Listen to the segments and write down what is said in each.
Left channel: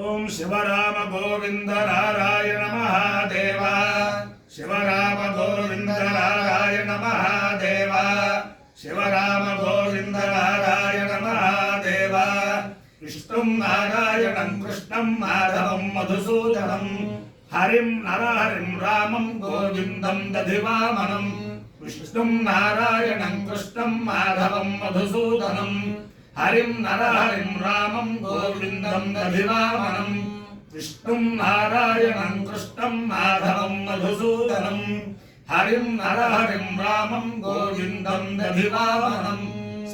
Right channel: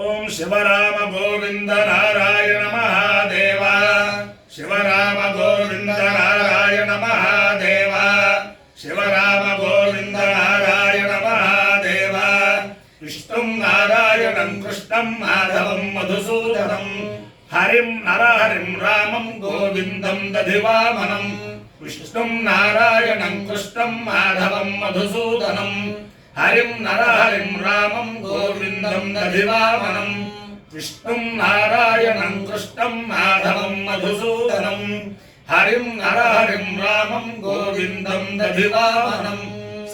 ఓం శివరామ గోవింద నారాయణ మహాదేవ శివరామ గోవింద నారాయణ మహాదేవ శివరామ గోవింద నారాయణ మహాదేవ విష్ణుం నారాయణం కృష్ణం మాధవం మధుసూదనం హరిం నరహరిం రామం గోవిందం దధివామనం విష్ణుం నారాయణం కృష్ణం మాధవం మధుసూదనం హరిం నరహరిం రామం గోవిందం దధివామనం విష్ణుం నారాయణం కృష్ణం మాధవం మధుసూదనం హరిం నరహరిం రామం గోవిందం దధివామనం.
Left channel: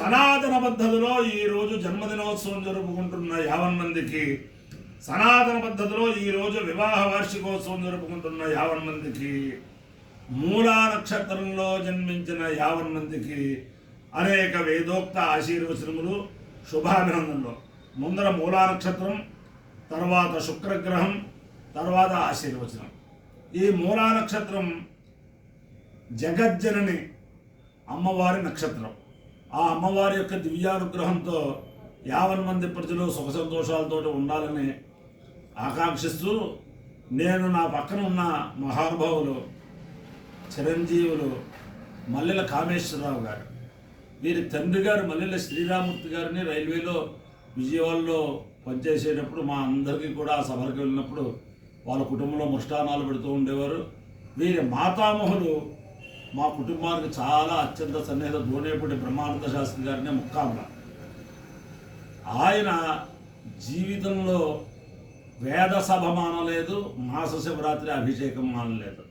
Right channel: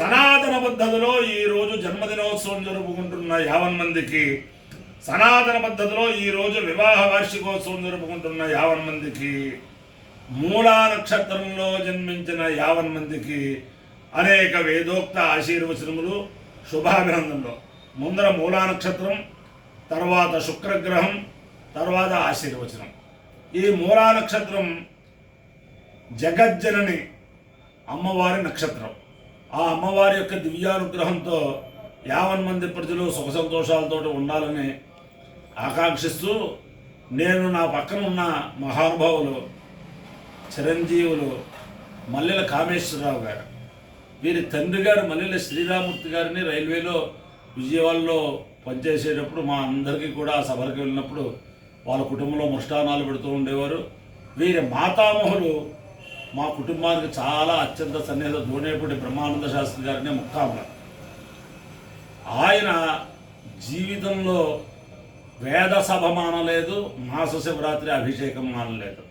సనాతన పద్ధతిలో ఈ రోజు జన్మదినోత్సవం జరుపుకుంటున్న 50 మందికి, సనాతన పద్ధతిలో ఈ రోజు వివాహ వార్షికోత్సవం జరుపుకుంటున్న 50 మందికి, మూలా నక్షత్రంలో జన్మించిన 50 మందికి అనేక వేదోక్త ఆశీర్వచనములు, శుభాభినందనలు. ముందర మూలా నక్షత్రం, తర్వాత శుక్రగ్రహం, తర్వాత ఆశీర్వచనం. ఈ మూలా నక్షత్రం జగజ్జనని అమ్మవారి నక్షత్రం. ఆ అమ్మవారి యొక్క దివ్యానుగ్రహంతో 50 మంది ప్రజలు సుఖ సంతోషాలతో ఉండాలని ఆకాంక్షిస్తూ, నేను నా పక్కన ఉన్న మహానుభావులు చిరంజీవులు మల్లెల కామేశ్వరరావు గారు, వీరి తండ్రి గారు మల్లెల శ్రీరామూర్తి గారిని రైల్వేలో విజయవాడలో పనిచేసేటప్పుడు మా అందరికీ కూడా ఆ సభలకు వెళ్ళినప్పుడు వాళ్ళ కుటుంబంలో ముష్టానాలు పెడుతూ ఉండేవారు. వీరి మాతామహులు మా కుటుంబానికి చాలా అత్యంత సన్నిహిత దోనేపూడి బ్రహ్మానంద శాస్త్రి గారిని ముక్కాంబ. ఆయన జీవితంలో వేద సభ మానలేదు, మాస శివరాత్రి అభిషేకం మానలేదు.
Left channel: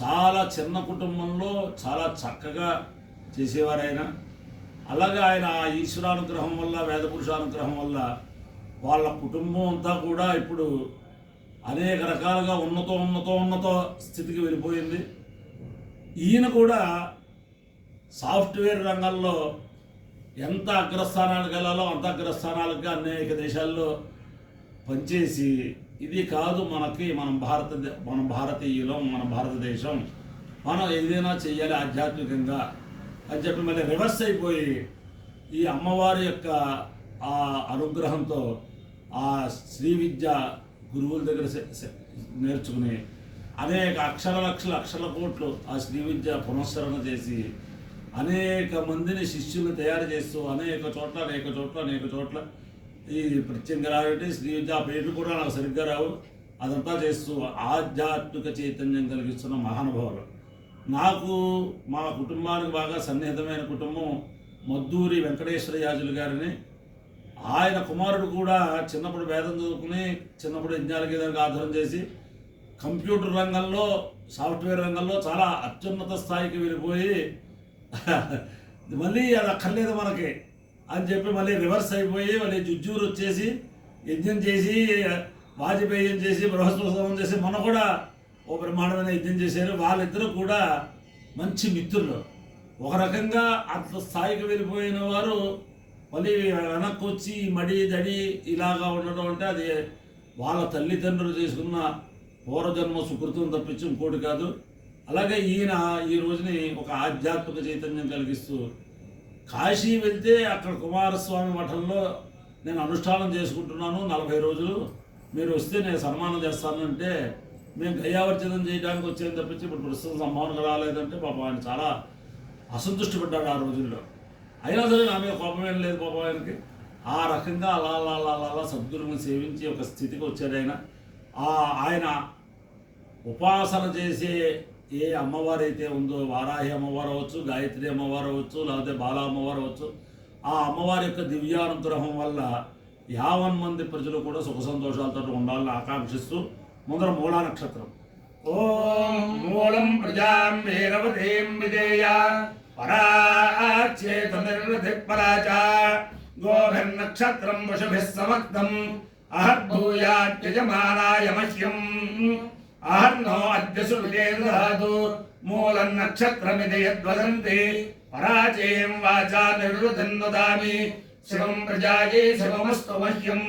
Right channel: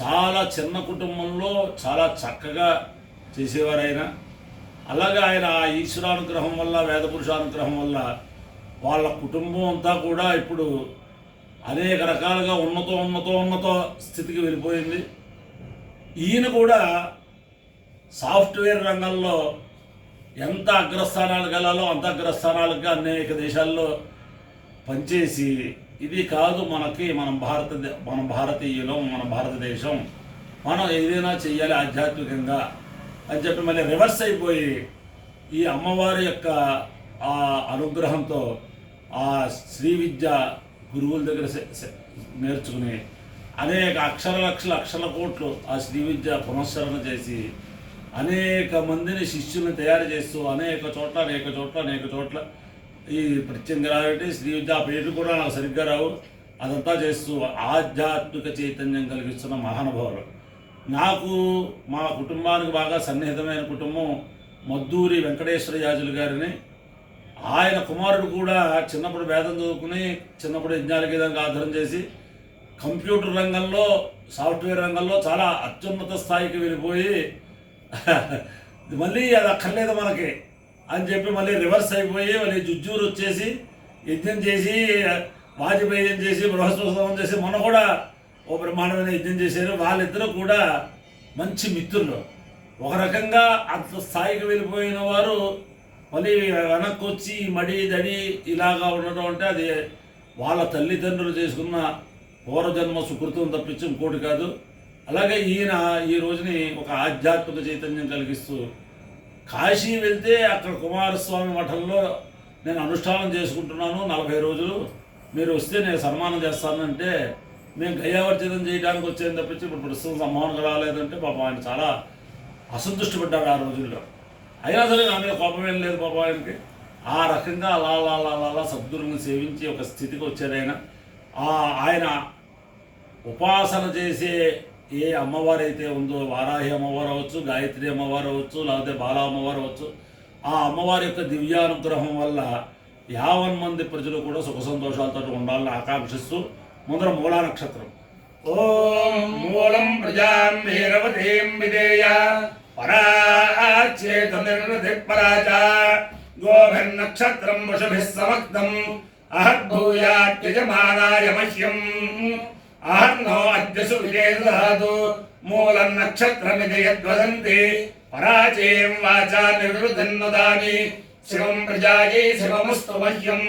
చాలా చిన్న కుటుంబంలో చాలా చక్కగా చేసేవారు ఆయన. అలాగే ఆయన ఈశ్వరానుగ్రహం వల్ల, వేద పురుషానుగ్రహం వల్ల వాళ్ళ కుటుంబం అంతా కూడా ఇప్పుడు అనేక రకాలుగా ఉన్నత స్థితికి వెళ్ళిపోయింది. ఈయన కూడా సాఫ్ట్వేర్ రంగంలో ఎంత అగ్రస్థానాలకు వెళ్ళాలో అంత అగ్రస్థానాలుగా అనేక దేశాల్లో పనిచేసి, ఇది కాదు మనకి, మన భారతీయులం, మన భారతదేశం, మనం ఏదైనా చెయ్యాలి ఆధ్యాత్మికంగా అని చెప్పి మళ్ళీ రివర్స్ అయిపోయి ఈ అమ్మవారి యొక్క ఆ అనుగ్రహంతో ఆ శ్రీ విద్య గురువుల దగ్గర నేర్చుకుని అనేక లక్షల కోట్లు ఆ శ్రీ విద్య పునశ్చరణ చేసి అనేక మందిని శిష్యులను తయారు చేస్తూ అనేక చోట్ల ఈ ప్రత్యంగరాయుడి శ్రీ విద్య పేరు కూడా నాకు సరిగ్గా రావు, అదంతా చేస్తూ ఆధ్యాత్మిక చైతన్యం కలిగిస్తున్న మహానుభావులు. నాకు మా కుటుంబానికి బాగా సన్నిహితమైన కుటుంబం మద్దూరి వెంకటేశ్వర యాజులు గారిని. ఆయన కుమారుడు కూడా చిన్నప్పుడు వేదం చదువుకుని, చిన్నప్పుడు యజ్ఞాల గీతానికి ఆధారం చేసి కంప్యూటర్ రంగంలో, సాఫ్ట్వేర్ రంగంలో చాలా అత్యున్నత స్థాయికి వెళ్ళిపోయి మళ్ళీ అది అక్కర్లేదు మనకి అని చెప్పి మళ్ళీ రివర్స్ అయిపోయి మళ్ళీ జుజ్జూరు వచ్చేసి యజ్ఞం చేసి, వాజపేయం చేసి, బృహస్పతి చేసి, మొన్న కూడా ఓ బ్రహ్మాండమైన యజ్ఞం చేశారు. వాళ్ళిద్దరూ కూడా మంచి మిత్రులు. ఒక రకంగా అంత స్థాయికి వెళ్ళిపోయిన వారు మళ్ళీ వెనక్కి వచ్చి మడి దడి ఇలాగా ఉండడం అంటే అది వాళ్ళ తల్లిదండ్రులు చేసుకున్న పూర్వజన్మ సుకృతం తప్పించి ఇంకోటి కాదు. అలాగే ఈయన ఈ రోజుని ఒక ఆధ్యాత్మిక చైతన్యం కలిగిస్తూ కాశీ వెళ్తే అక్కడ కుమారస్వామి మఠంలో నేను అనుష్ఠానం చేసుకుంటున్నాను 40 రోజులు, మీరు వస్తే నేను సన్మానం చేస్తానంటే, మేము గయావర్జనం చేయడానికి వచ్చేది తప్పించి ఇప్పుడు ప్రస్తుతం సంభావనకు రాలేదంటే పాపం ఆయన చాలా అసంతృష్టి పడ్డాడు ఆ రోజుల్లో. అయినా సరే నా మీద కోపం ఏం లేదు పాపం ఆయనకి. ఆ రకంగా అలా సద్గురుని సేవించి ఒక స్థితికి వచ్చారు ఆయన. ఆయన ఉపాసన చేసే ఏ అమ్మవారు అయితే ఉందో, వారాహి అమ్మవారు అవ్వచ్చు, గాయత్రి అమ్మవారు అవ్వచ్చు, లేకపోతే బాలా అమ్మవారు అవ్వచ్చు, ఆ అమ్మవారి యొక్క దివ్యానుగ్రహం వల్ల 50 మంది ప్రజలు కూడా సుఖ సంతోషాలతో ఉండాలని ఆకాంక్షిస్తూ ముందర మూలా నక్షత్రం. ఓం మూలం ప్రజాం వీరవతీం విదేయ పరాచేత నిర్వృతి పరాచ గోభిర్నక్షత్రం వశుభిః సమక్తం అహద్భూయాత్యజమానాయ మహ్యం అహర్నో అద్యసు విజేదధాతు మూలం నక్షత్రమిది యద్వదంతి పరాచేయం వాచా నిర్వృతిన్నుదామి శివం ప్రజాయై శివమస్తు మహ్యం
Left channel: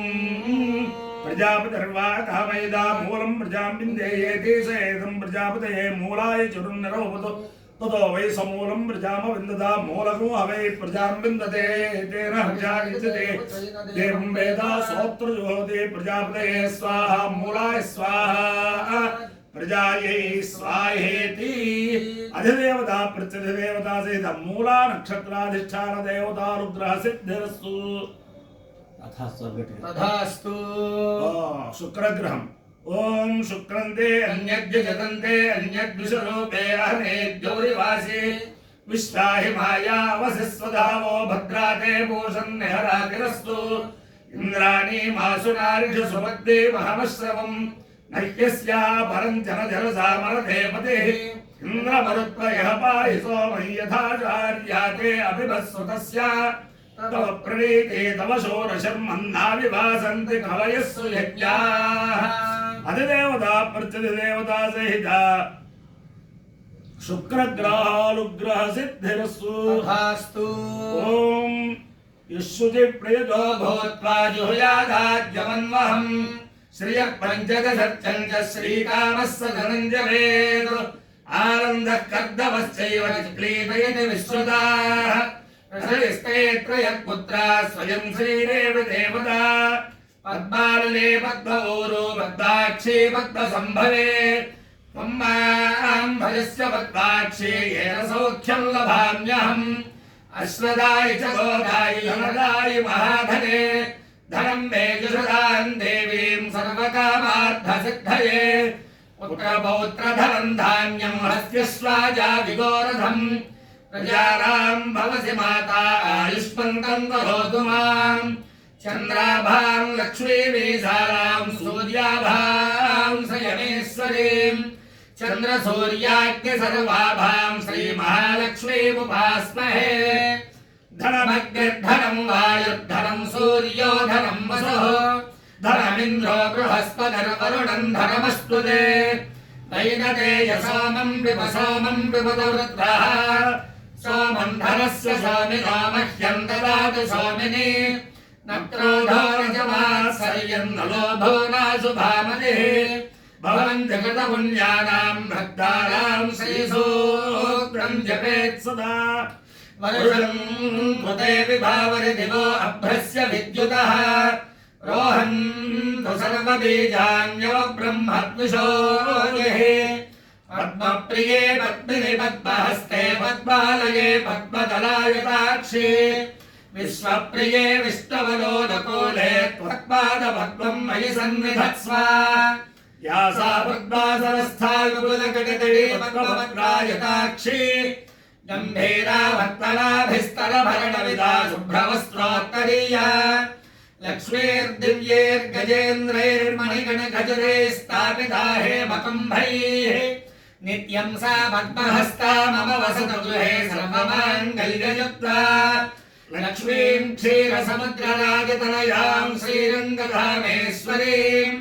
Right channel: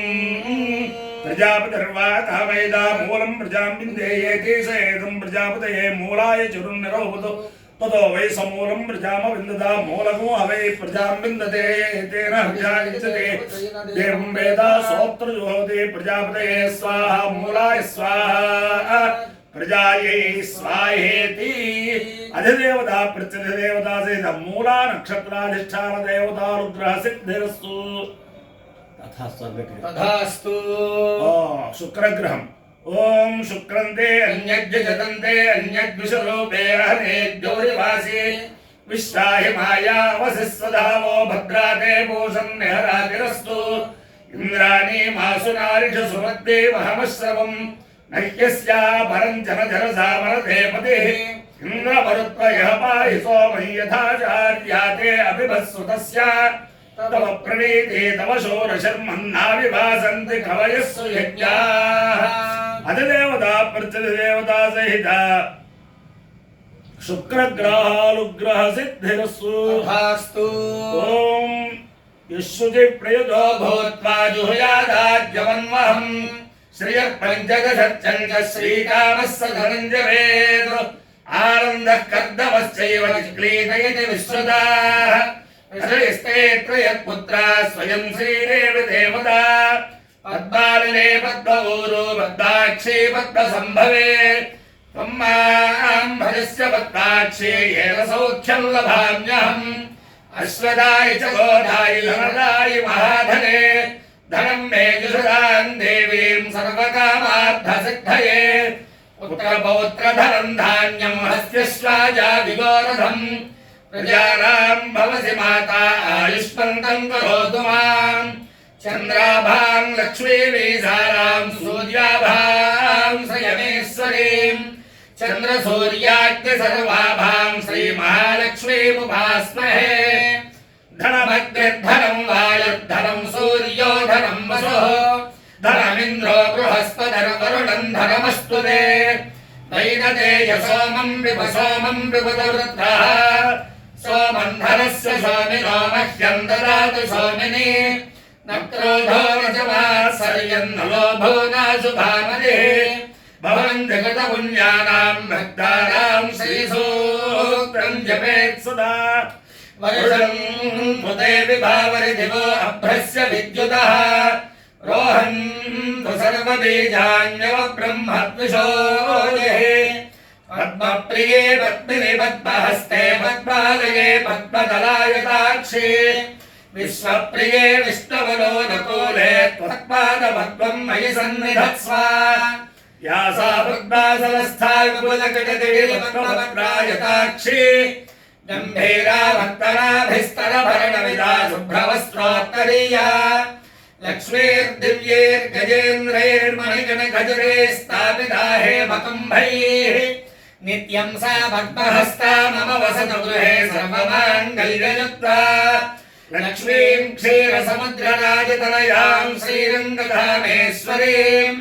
ప్రజాపతిర్వాకామయదా మూలం ప్రజాం విందేయేతి స ఏదం ప్రజాపతయే మూలాయ చురున్నిరోహుతు ततो वै समूलं प्रजाम विन्ददा मूलको हवै प्रजां विन्दते तेन प्रजायते देवं वेद सोत्र जुहोति प्रजापतये स्वाहा मूलाय स्वाहा प्रजायै स्वाहेति अधिदेवता प्रत्यधिदेवता सहित मूला नक्षत्राधिष्ठान देवतानुग्रह सिद्धिरस्तु तथास्तु शुक्रग्रहम् ओम शुक्रन्ते अन्यज्ञ जतन्ते अन्यद्विषरूपे अहने गौरिवासी विश्वाहि माया वसिस्वधावो भद्राते भूषन्निहरातिरस्तु इन्द्राणि मासुनारिष सुमद्दे महमश्रवम् नह्यस्या परं जनजरसामरते पतिः इन्द्रमरुत्वयः पाहि सोमं यथाचार्याते अभिभस्वतस्य तव प्रणीते तव शोरशर्मन्नाविभासन्ति कवयस्सु यज्ञाः अधिदेवता प्रत्यधिदेवता सहित शुक्रग्रहानुग्रह सिद्धिरस्तु तथास्तु ओम यशुचि प्रयुजो भूत्वा जुहुयादाद्यवन्वहम् श्रियः पञ्चदशच्चञ्च श्रीकामस्य धनञ्जवेद आनन्दः कर्दमश्चैव चिक्लीतयति विश्वदाः श्रेष्ठे त्रयत्पुत्रा स्वयं श्रीरेव देवता पद्मालने पद्मऊरो पद्माक्षी पद्मसम्भवे त्वं मां भजस्य पद्माक्षी येन सौख्यं लभाम्यहम् अश्वदाय च गोदाय धनदाय महाधने धनं मे जुषदां देवीं सर्वकामार्थसिद्धये पुत्रपौत्रधनं धान्यं हस्त्यश्वाजादिगोरधम् प्रजानां भवसि माता आयुष्मन्तं करोतु माम् चन्द्राभां लक्ष्मीमीसारां सूर्याभां संयमेश्वरीं चन्द्रसूर्याग्निसर्वाभां श्रीमहालक्ष्मीमुपास्महे धनमग्निर्धनं वायुर्धनं सूर्यो धनं वसुः धनमिन्द्रो बृहस्पतिर्वरुणं धनमस्तु ते वैनतेय सोमं विपदवृत्रः सोमं धनस्य सोमिनो मह्यं ददातु सोमिनि न क्रोधो न समात्सर्यं न लोभो नाशुभामतिः भवन् जगतपुण्यानां भक्तानां श्रीसूत्रं जपेत् सदा वर्षं कृते विभावरि दिवो अभ्रस्य विद्युतः रोहन्तु सर्वबीजान्यव ब्रह्मद्विषोः पद्मप्रिये पद्मिनि पद्महस्ते पद्मालये पद्मदलायताक्षी विश्वप्रिये विष्णुवलोकूले त्वत्पादपद्मं मयि सन्निधत्स्व या सा पद्मासनस्था विपुलकटितटे पद्मपत्रायताक्षी गम्भीरा भक्तनाभिस्तरभरणविदा शुभ्रवस्त्रोत्तरीया लक्ष्मीर्दिव्यैर्गजेन्द्रैर्मणिगणगजरे स्थापिता हेमकुम्भैः नित्यं सा पद्महस्ता मम वसतु गृहे सर्वमाङ्गल्ययुक्ता लक्ष्मीं क्षीरसमुद्रराजतनयां श्रीरङ्गधामेश्वरीं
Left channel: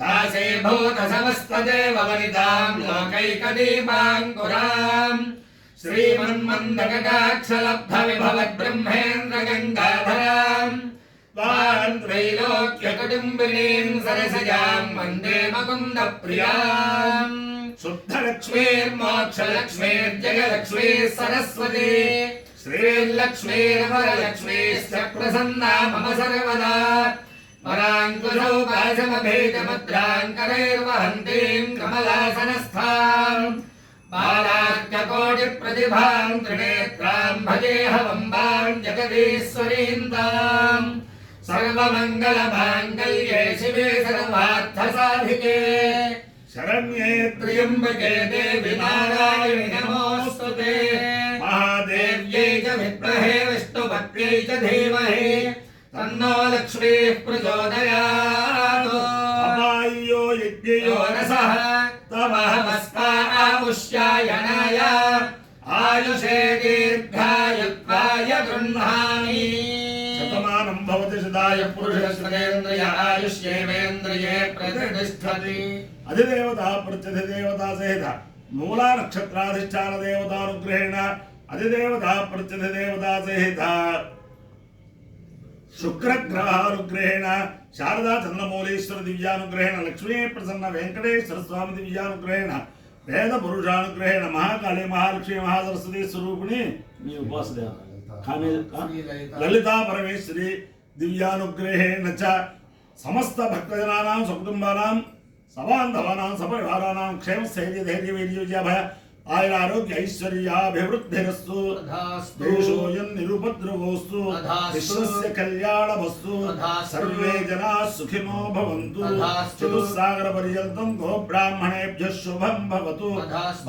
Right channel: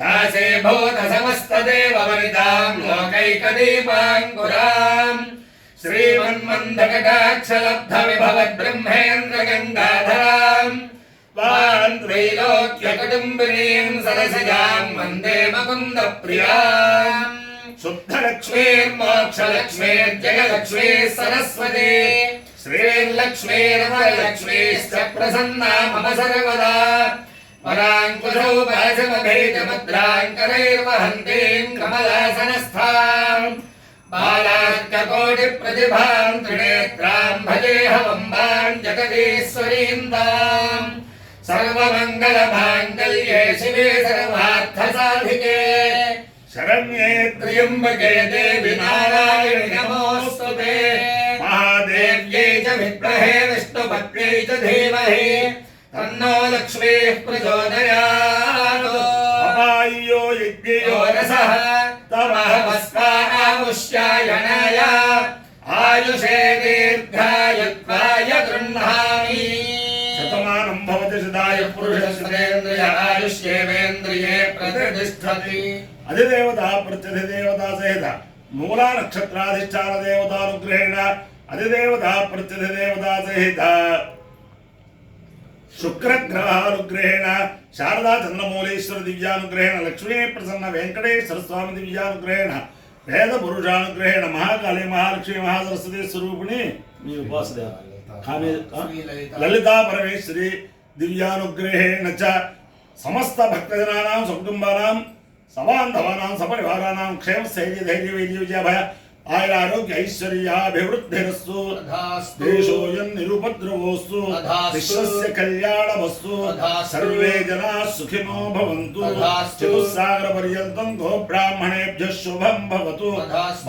दासे भूतसमस्तदेववनितां लोकैकदीपाङ्कुरां श्रीमन्मन्दकटाक्षलब्धविभवद्ब्रह्मेन्द्रगङ्गाधरां त्रैलोक्यकुटुम्बिनीं सरसिजां वन्दे मुकुन्दप्रियां शुद्धलक्ष्मीर्मोक्षलक्ष्मीर्जयलक्ष्मीः सरस्वती श्रीर्लक्ष्मीर्वरलक्ष्मीश्च प्रसन्ना मम सर्वदा वराङ्कुशौ पाशमभेदमुद्राङ्करैर्वहन्तीं कमलासनस्थां बालार्ककोटिप्रतिभां त्रिनेत्रां भजेऽहमम्बां जगदीश्वरीं ताम् सर्वमङ्गलमाङ्गल्ये शिवे सर्वार्थसाधिके शरण्ये त्र्यम्बके देवि नारायणि नमोऽस्तुते महादेव्यै च विद्महे विष्णुपत्न्यै च धीमहि तन्नो लक्ष्मीः प्रचोदयात् अपाय्यो यज्ञयो रसः तमहमस्मामुष्यायणाय आयुषे दीर्घायुत्वाय गृह्णामि शतमानं भवति सदाय पुरुषश्रेन्द्रिय आयुष्येवेन्द्रिये प्रतिष्ठति अधिदेवता प्रत्यधिदेवता सहित मूला नक्षत्राधिष्ठान देवतानुग्रहेण अधिदेवता प्रत्यधिदेवता सहित शुक्रग्रहानुग्रहेण शारदा चन्द्रमौलीश्वर दिव्यानुग्रहेण लक्ष्मी प्रसन्न वेंकटेश्वर स्वामी दिव्यानुग्रहेण వేద పురుషానుగ్రహేణ మహాకాళి మహాలక్ష్మి మహాసరస్వతి స్వరూపిణి మీ ఉపాసన లలితా పరమేశ్వరి దివ్యానుగ్రహేణ చ సమస్త భక్తజనానాం సకుటుంబానాం సబాంధవానాం సపరివారానాం క్షేమ స్థైర్య ధైర్య వైద్య విజయభయ ఆయుర ఆరోగ్య ఐశ్వర్యాభివృద్ధిరస్తు దేశోయం నిరుపద్రవోస్తు విశ్వస్య కళ్యాణమస్తు సర్వే జనా సుఖినో భవంతు చతుస్సాగర పర్యంతం గోబ్రాహ్మణేభ్యః శుభం భవతు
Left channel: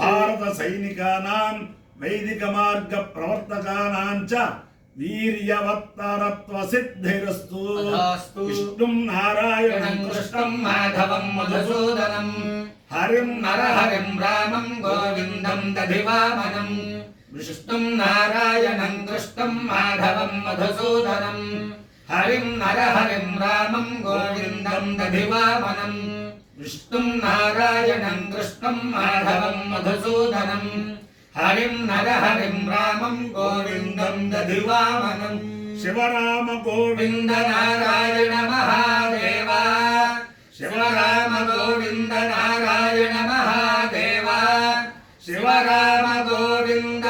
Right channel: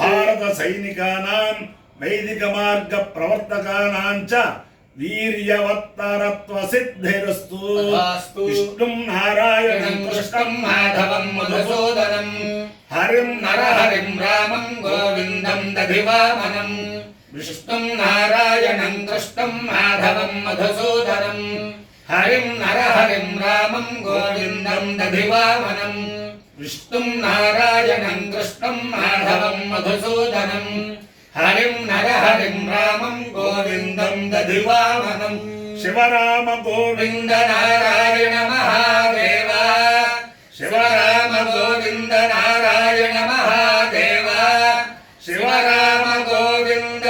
భారత సైనికానాం వైదిక మార్గ ప్రవర్తకానాం చ వీర్యవత్తరత్వ సిద్ధిరస్తు విష్ణుం నారాయణం కృష్ణం మాధవం మధుసూదనం హరిం నరహరిం రామం గోవిందం దధివామనం విష్ణుం నారాయణం కృష్ణం మాధవం మధుసూదనం హరిం నరహరిం రామం గోవిందం దధివామనం విష్ణుం నారాయణం కృష్ణం మాధవం మధుసూదనం హరిం నరహరిం రామం గోవిందం దధివామనం శివరామ గోవింద నారాయణ మహాదేవ శివరామ గోవింద నారాయణ మహాదేవ శివరామ గోవింద